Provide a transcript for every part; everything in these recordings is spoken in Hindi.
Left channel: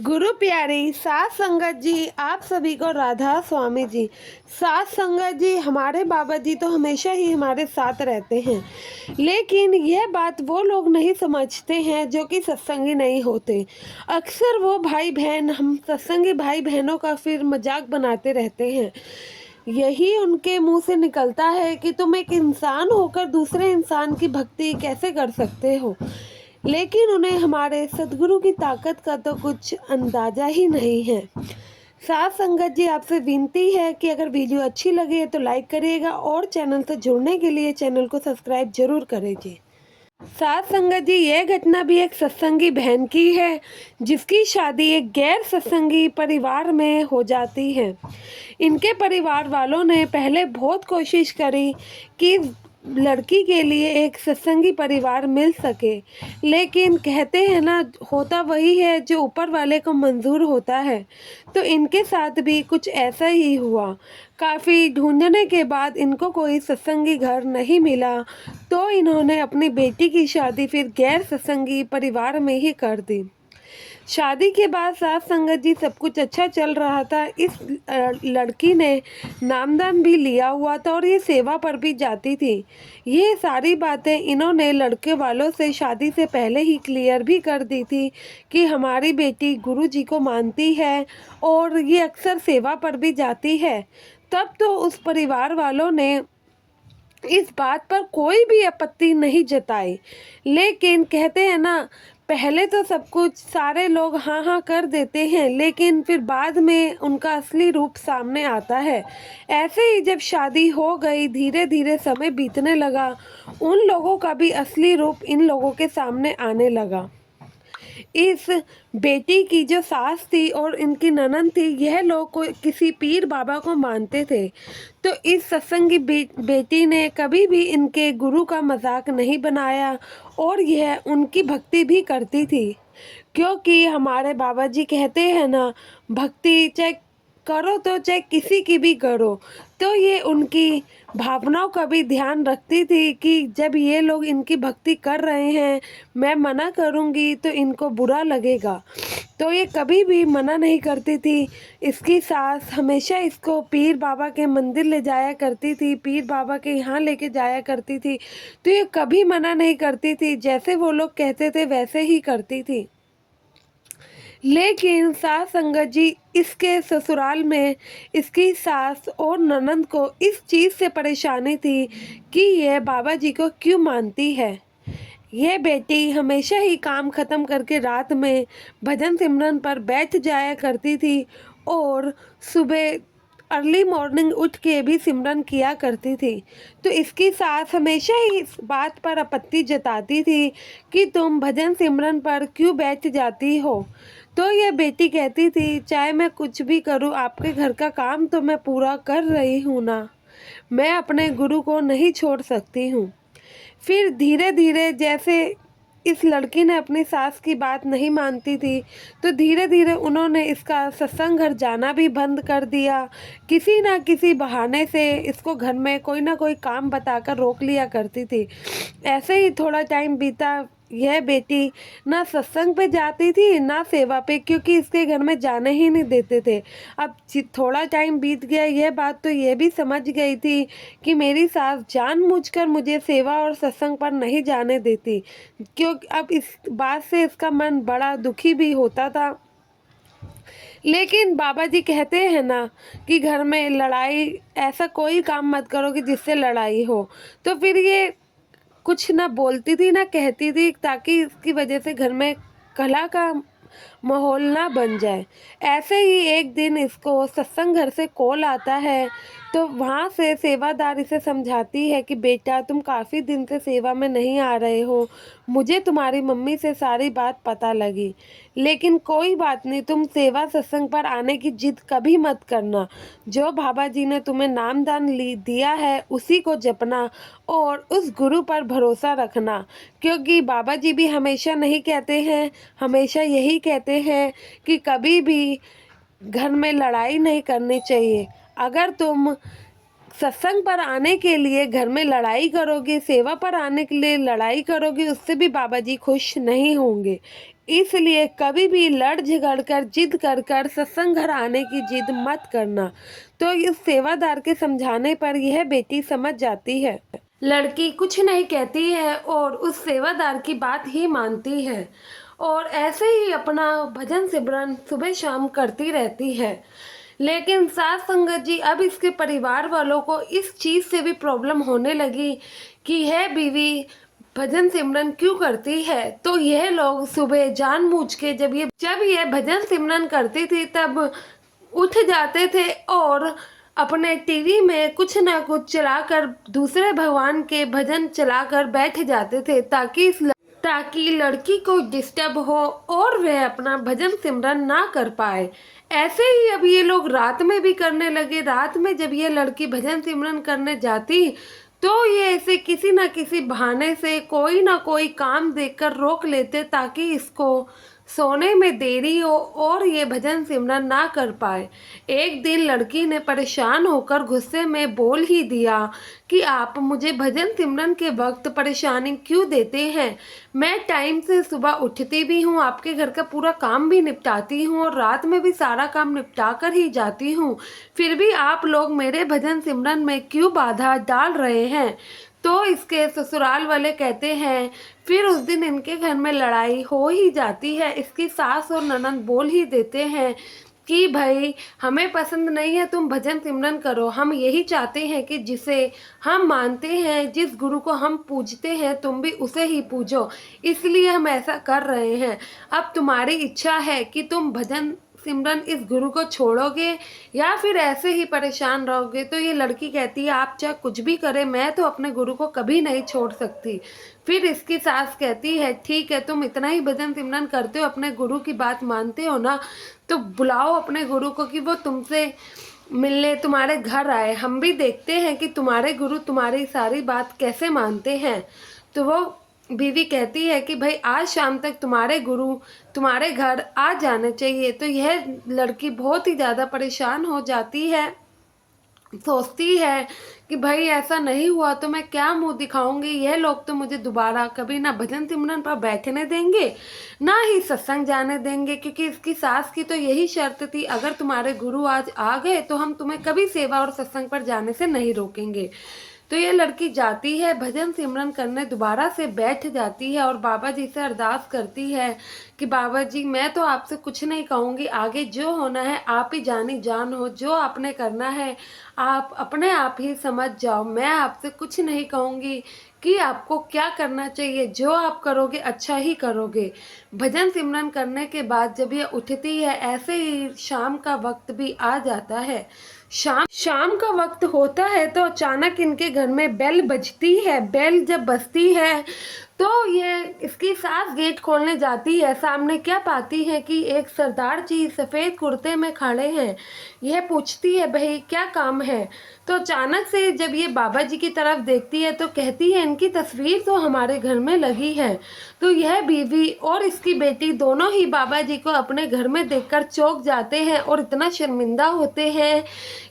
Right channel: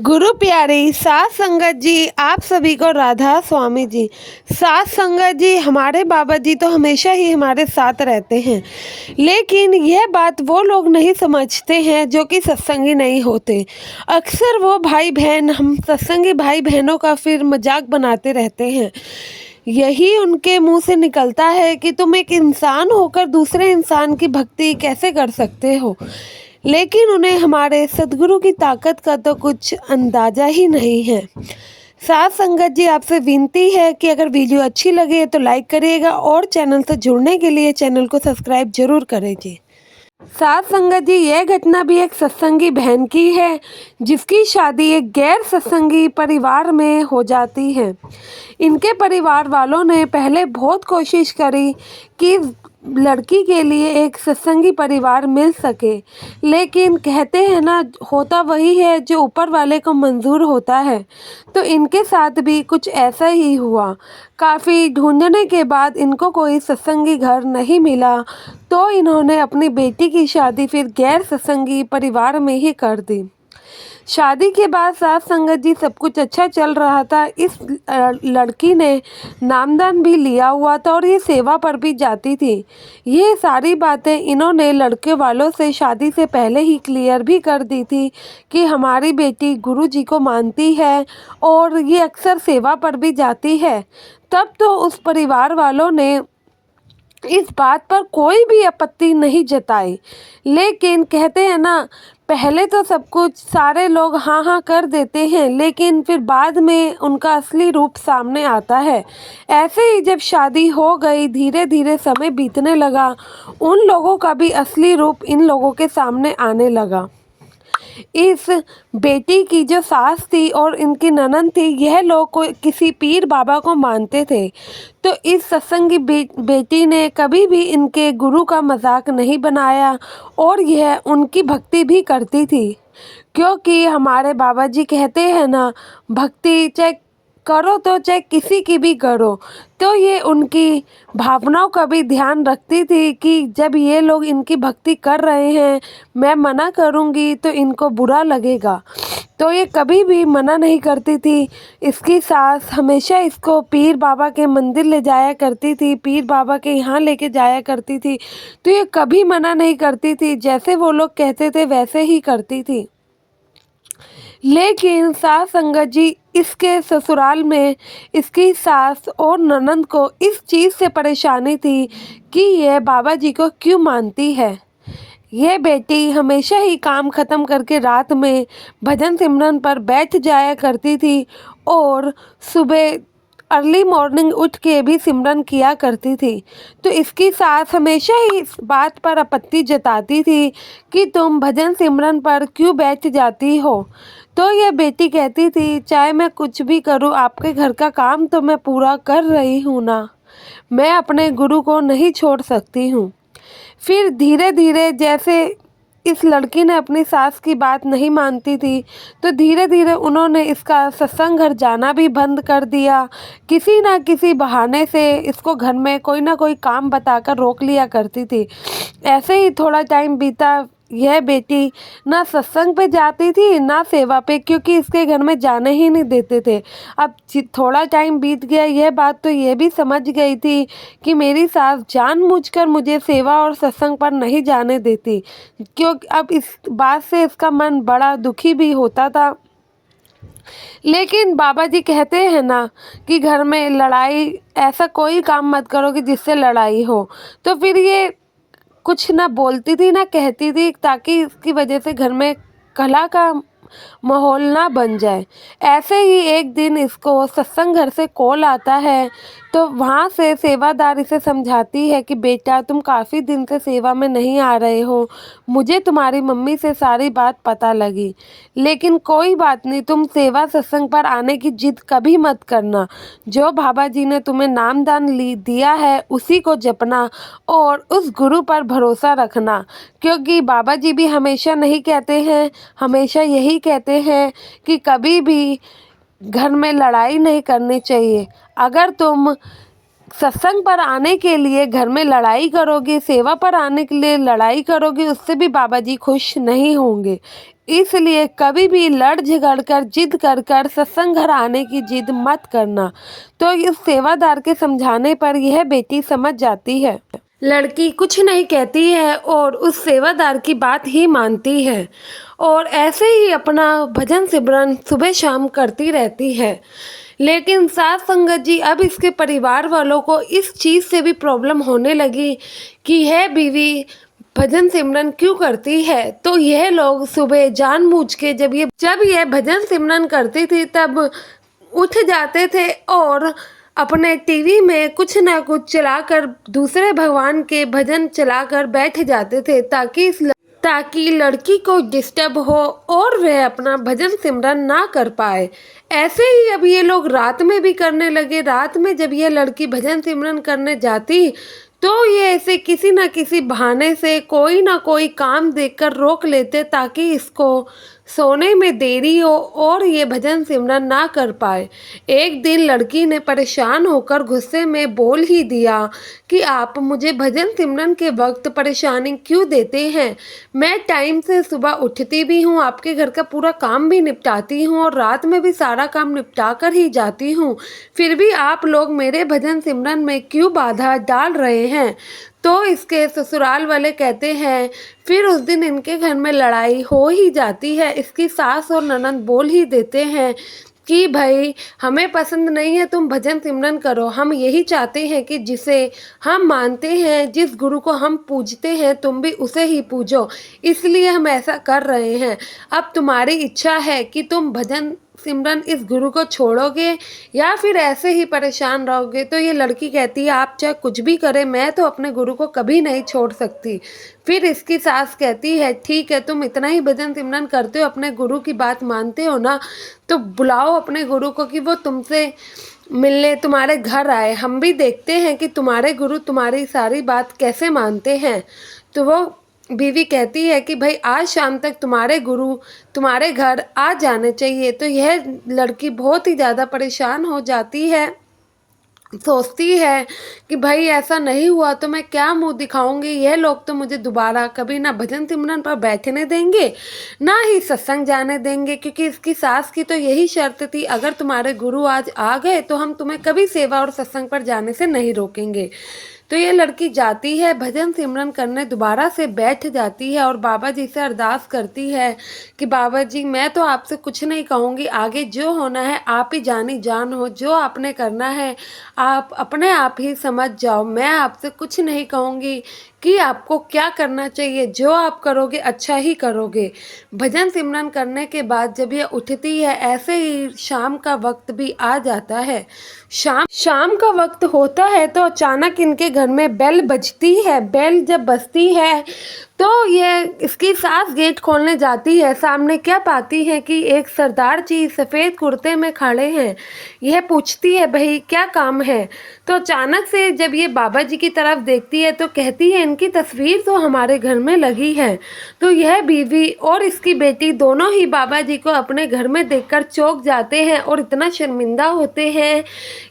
गुरु प्यारी सात संगत जी, आप सभी को राधा स्वामी जी। सात संगत जी, हमारे बाबा जी तो हमेशा ही हमारे साथ रहते हैं, लेकिन यह बात वो लोग नहीं समझते हैं जो कि सत्संगी नहीं होते। अक्सर वो भाई बहन, हम सत्संगी भाई बहनों का फिर मजाक बनाते रहते हैं। यही उनके मुंह से निकलता है कि तुम एक इंसान होकर दूसरे इंसान की भक्ति कैसे कर सकते हो, लेकिन उन्हें हमारे सदगुरु की ताकत का तो कुछ अंदाज़ा ही नहीं है। साथ संगत जी, आपसे विनती है कि अगर वीडियो अच्छी लगे तो लाइक करिएगा और चैनल से जुड़ने के लिए चैनल को सब्सक्राइब जरूर करेंगे। साथ संगत जी, यह घटना भी एक सत्संगी बहन की है जिसकी शादी एक गैर सत्संगी परिवार में हो जाती है। इनके परिवार वालों ने पहले बहुत कोशिश करी कि लड़की के लिए एक सत्संगी परिवार मिल सके, लेकिन कहते हैं ना, होता वही है जो ऊपर वाले को मंजूर होता है। तो इनके साथ भी कुछ ऐसा ही हुआ। काफ़ी ढूंढने के बाद इनको कोई सत्संगी घर नहीं मिला, तो इन्होंने अपनी बेटी की शादी फिर गैर सत्संगी परिवार में ही कर दी। शादी के बाद साथ संगत जी सब कुछ अच्छा चल रहा था। इस लड़की ने नामदान भी लिया हुआ था और ये सेवा पर भी जाती थी। ये सारी बातें इन्होंने लड़के वालों से शादी से पहले ही क्लियर भी कर दी थी कि हमारी बेटी गुरु जी को मानती है और ये अक्सर सेवा पर भी जाती है। तब तो उस परिवार वालों ने इस बात पर कोई भी आपत्ति नहीं जताई, लेकिन कहते हैं ना, पहले तो सब कुछ सारे लोग हाँ हाँ कर देते हैं, लेकिन फिर बाद में उनका असली रूप सामने आता है। ऐसे ही जब शादी हो गई, धीरे धीरे समय बीतने लगा, उन लोगों का भी असली रूप इन लोगों के सामने आने लगा। इस बेटी की जो सास थी और इनकी ननद थी, यह लोग को किसी पीर बाबा को मानते थे। तो इस सत्संगी बेटी ने कभी भी इनके गुरु का मजाक नहीं बनाया और यह उनकी भक्ति भी करती थी, क्योंकि हमारे बाबा जी कहते हैं ना, भक्ति चाहे करो तो चाहे किसी की भी करो। तो ये उनकी भावनाओं का भी ध्यान रखती थी कि जब ये लोग इनकी भक्ति कर रहे हैं, मैं मना करूँगी तो इनको बुरा लगेगा। तो ये कभी भी मना नहीं करती थी। इसकी सास हमेशा इसको पीर बाबा के मंदिर ले जाया करती थी, पीर बाबा के यहाँ लेके जाया करती थी। तो ये कभी मना नहीं करती थी, जैसे वो लोग कहते थे वैसे ही करती थी। लेकिन सास संगत जी, इसके ससुराल में इसकी सास और ननद को इस चीज़ से परेशानी थी कि यह बाबा जी को क्यों मानती है। यह बेटी हमेशा ही काम ख़त्म करके रात में भजन सिमरन पर बैठ जाया करती थी और सुबह अर्ली मॉर्निंग उठ के भी सिमरन किया करती थी। तो इसकी सास हमेशा ही इस बात पर आपत्ति जताती थी कि तुम भजन सिमरन पर क्यों बैठ जाती हो। तो यह बेटी कहती थी, चाहे मैं कुछ भी करूं, आपके घर का काम तो मैं पूरा कर रही हूं ना, मैं अपने गुरु को नहीं छोड़ सकती हूँ। फिर धीरे धीरे जैसे इस लड़की ने अपनी सास की बात नहीं मानती थी, तो धीरे धीरे उन्होंने इसका सत्संग घर जाना भी बंद कर दिया। किसी ना किसी बहाने से इसको घर में कोई ना कोई काम बताकर रोक लिया करती थी। ऐसे ही थोड़ा टाइम बीता, यह बेटी ना सत्संग पे जाती थी ना सेवा पे, क्योंकि इसके घर में जाने ही नहीं देते थे। अब थोड़ा टाइम बीत गया, यह बात तो ये भी समझ गई थी कि मेरी सास जानबूझकर मुझे सेवा और सत्संग पर नहीं जाने देती, क्योंकि अब इस बात से इसका मन बड़ा दुखी भी होता था। लेकिन बाबा जी कहते हैं ना कि घर में लड़ाई, ऐसा कोई काम मत करो कि जिससे लड़ाई हो। तो फिर ये कुछ ना बोलती थी ना कहती थी, ताकि इसकी वजह से घर में कलह का माहौल ना बन जाए। ऐसे ही एक दिन इसको सत्संग घर से कॉल आता है, तो वहाँ से सेवादार इसे समझाती है कि बेटा, तुम काफ़ी दिन से सेवा में नहीं आ रहे हो, मुझे तुम्हारी मम्मी से सारी बात पता लगी, लेकिन कोई बात नहीं, तुम सेवा सत्संग पर आने की जिद कभी मत करना। जो बाबा जी ने तुम्हें नामदान दिया है उसी को जपना और उस गुरु पर भरोसा रखना, क्योंकि बाबा जी भी हमेशा नहीं कहते हैं, हमेशा यही कहते हैं कि कभी भी घर में लड़ाई नहीं करनी चाहिए। अगर तुम सत्संग पर आने के लिए घर में लड़ाई करोगे, सेवा पर आने के लिए लड़ाई करोगे, उससे भी बाबा जी खुश नहीं होंगे। इसलिए कभी भी लड़ झगड़ कर जिद कर कर सत्संग घर आने की जिद मत करना। तो इस सेवादार के समझाने पर यह बेटी समझ जाती है। लड़की कुछ नहीं कहती है और उस सेवादार की बात ही मानती है और ऐसे ही अपना भजन सिमरन सुबह शाम करती रहती है। लेकिन साथ संगत जी अब इसके परिवार वालों को इस चीज़ से भी प्रॉब्लम होने लगी कि यह बीवी भजन सिमरन क्यों करती है। तो यह लोग सुबह जानबूझ के जब यह भजन सिमरन करती थी तब उठ जाते थे और अपने टीवी में कुछ ना कुछ चलाकर दूसरे भगवान के भजन चलाकर बैठ जाते थे ताकि लड़की को डिस्टर्ब हो और वह अपना भजन सिमरन ना कर पाए। ऐसे ही अब ये लोग रात में भी करने लगे। रात में जब ये लड़की भजन सिमरन करने जाती तो ये ऐसे किसी न किसी बहाने से कोई ना कोई काम देकर रोक लेते ताकि इसको सोने में देरी हो और ये भजन सिमरन ना कर पाए। एक दिन लड़की ने परेशान होकर गुस्से में बोल ही दिया कि आप मुझे भजन सिमरन के वक्त परेशानी क्यों देते हैं। मैं टाइम से सुबह उठती भी हूँ, आपके घर का पूरा काम भी निपटाती हूँ और रात में भी सारा काम निपटा कर ही जाती हूँ, फिर भी आप लोग मेरे भजन सिमरन में क्यों बाधा डाल रहे हैं। तो इसके ससुराल वाले कहते हैं, फिर उस दिन इनके घर में लड़ाई हो ही जाती है। इसकी सास और ननद बोल ही देते हैं कि भाई हमें पसंद नहीं है तुम भजन सिमरन करो, हम यही चाहते हैं कि जिसे हम मानते हैं, जिस गुरु को हम पूजते हैं, तुम भी उसे ही पूजो, इसलिए हम ऐसा कर रहे हैं। अब तुम्हारी इच्छा है कि तुम भजन सिमरन इस गुरु को छोड़ोगे या फिर ऐसे ही परेशान रहोगे। तो ये लड़की कहती है आप चाहे कुछ भी करें, मैं तो अपने गुरु को कभी नहीं छोड़ सकती। फिर इसकी सास कहती है ठीक है, तुम इतना ही भजन सिमरन करते हो, अपने गुरु की बात मानते हो ना, तो बुलाओ अपने गुरु को कि वो तुमसे मिलने तुम्हारे घर आए, हम भी देखते हैं कि तुम्हारे गुरु तुम्हारी सारी बात कैसे मानते हैं। तो वो बीवी कहती है कि भाई आज शाम तक तुम्हारे गुरु तुम्हारे घर आ जाने चाहिए। तो यह लड़की बहुत ही ज़्यादा परेशान हो जाती है, सोचती है कि भाई ऐसा नहीं हुआ तो मैं क्या मुंह दिखाऊंगी, यह लोग तो मुझे दोबारा कभी ना भजन सिमरन पर बैठने देंगे ना ही सत्संग जाने देंगे, क्योंकि इसकी सास की तो यही शर्त थी अगर तुम्हारे गुरु आज आ गए तो हम तुम्हें कभी सेवा और सत्संग पर जाने से नहीं रोकेंगे। तो ये लड़की जाती है भजन सिमरन करने, दोबारा से बैठ जाती है और बाबा जी से अरदास करती है कि बाबा जी मैं तो आपसे कुछ नहीं कहूँगी, आगे जो होना है आप ही जानी जान हो, जो आपने करना है आप अपने आप ही समझ जाओ, मैं आपसे कुछ नहीं कहूँगी कि आपको क्या करना चाहिए, जो आप करोगे अच्छा ही करोगे। भजन सिमरन करने के बाद जब ये उठती है, ऐसे ही शाम का वक्त भी आ जाता है। शाम का वक्त होता है तो अचानक इनके घर में बेल बजती है। बेल जब बजती है तो ये इसकी सास गेट खोलने जाती है। सामने क्या पाती है कि एक सरदार जी सफ़ेद कुर्ते में खड़े हैं। यह पूछती है भाई क्या काम है। तो अचानक से जब ये बाबा जी की तरफ देखती है तो कहती है इनकी तस्वीर तो हमारे घर में लगी है। तो यह बीवी और इसकी बेटी दोनों ही बाबा जी को अपने घर में देखकर चौंक जाते हैं और इतना शर्मिंदा होते हैं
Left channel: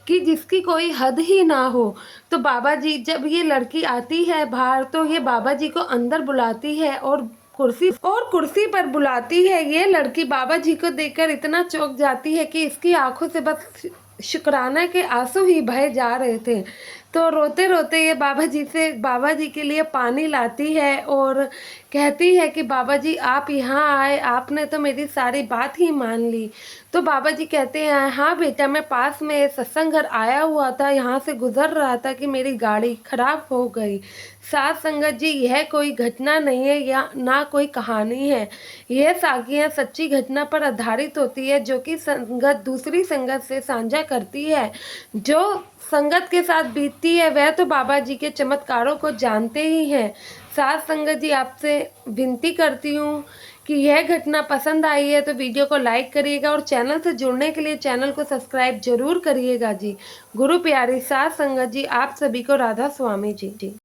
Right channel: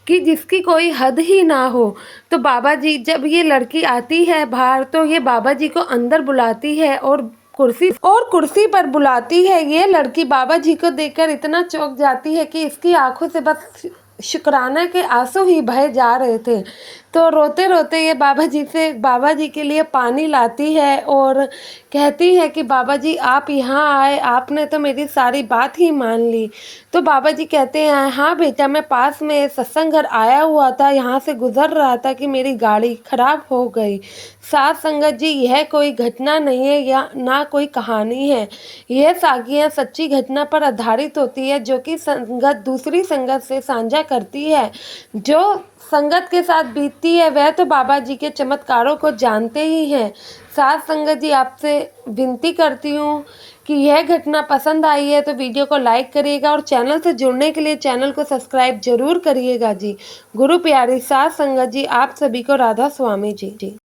कि जिसकी कोई हद ही ना हो। तो बाबा जी जब ये लड़की आती है बाहर तो ये बाबा जी को अंदर बुलाती है और कुर्सी पर बुलाती है। ये लड़की बाबा जी को देखकर इतना चौंक जाती है कि इसकी आंखों से बस शुक्राना के आंसू ही बहे जा रहे थे। तो रोते रोते ये बाबा जी के लिए पानी लाती है और कहती है कि बाबा जी आप यहाँ आए, आपने तो मेरी सारी बात ही मान ली। तो बाबा जी कहते हैं हाँ बेटा, मैं पास में सत्संग घर आया हुआ था, यहाँ से गुजर रहा था कि मेरी गाड़ी खराब हो गई। साथ संगत जी यह कोई घटना नहीं है या ना कोई कहानी है, यह साखियाँ सच्ची घटना पर आधारित होती है जो कि संगत दूसरी संगत से साझा करती है। जो संगत के साथ बीतती है वह तो बाबा जी के चमत्कारों को जानते ही हैं। साथ संगत जी आपसे विनती करती हूँ कि यह घटना पसंद आई है तो वीडियो को लाइक करिएगा और चैनल से जुड़ने के लिए चैनल को सब्सक्राइब जरूर करिएगा जी। गुरु प्यारी साथ संगत जी आप सभी को राधा स्वामी जी।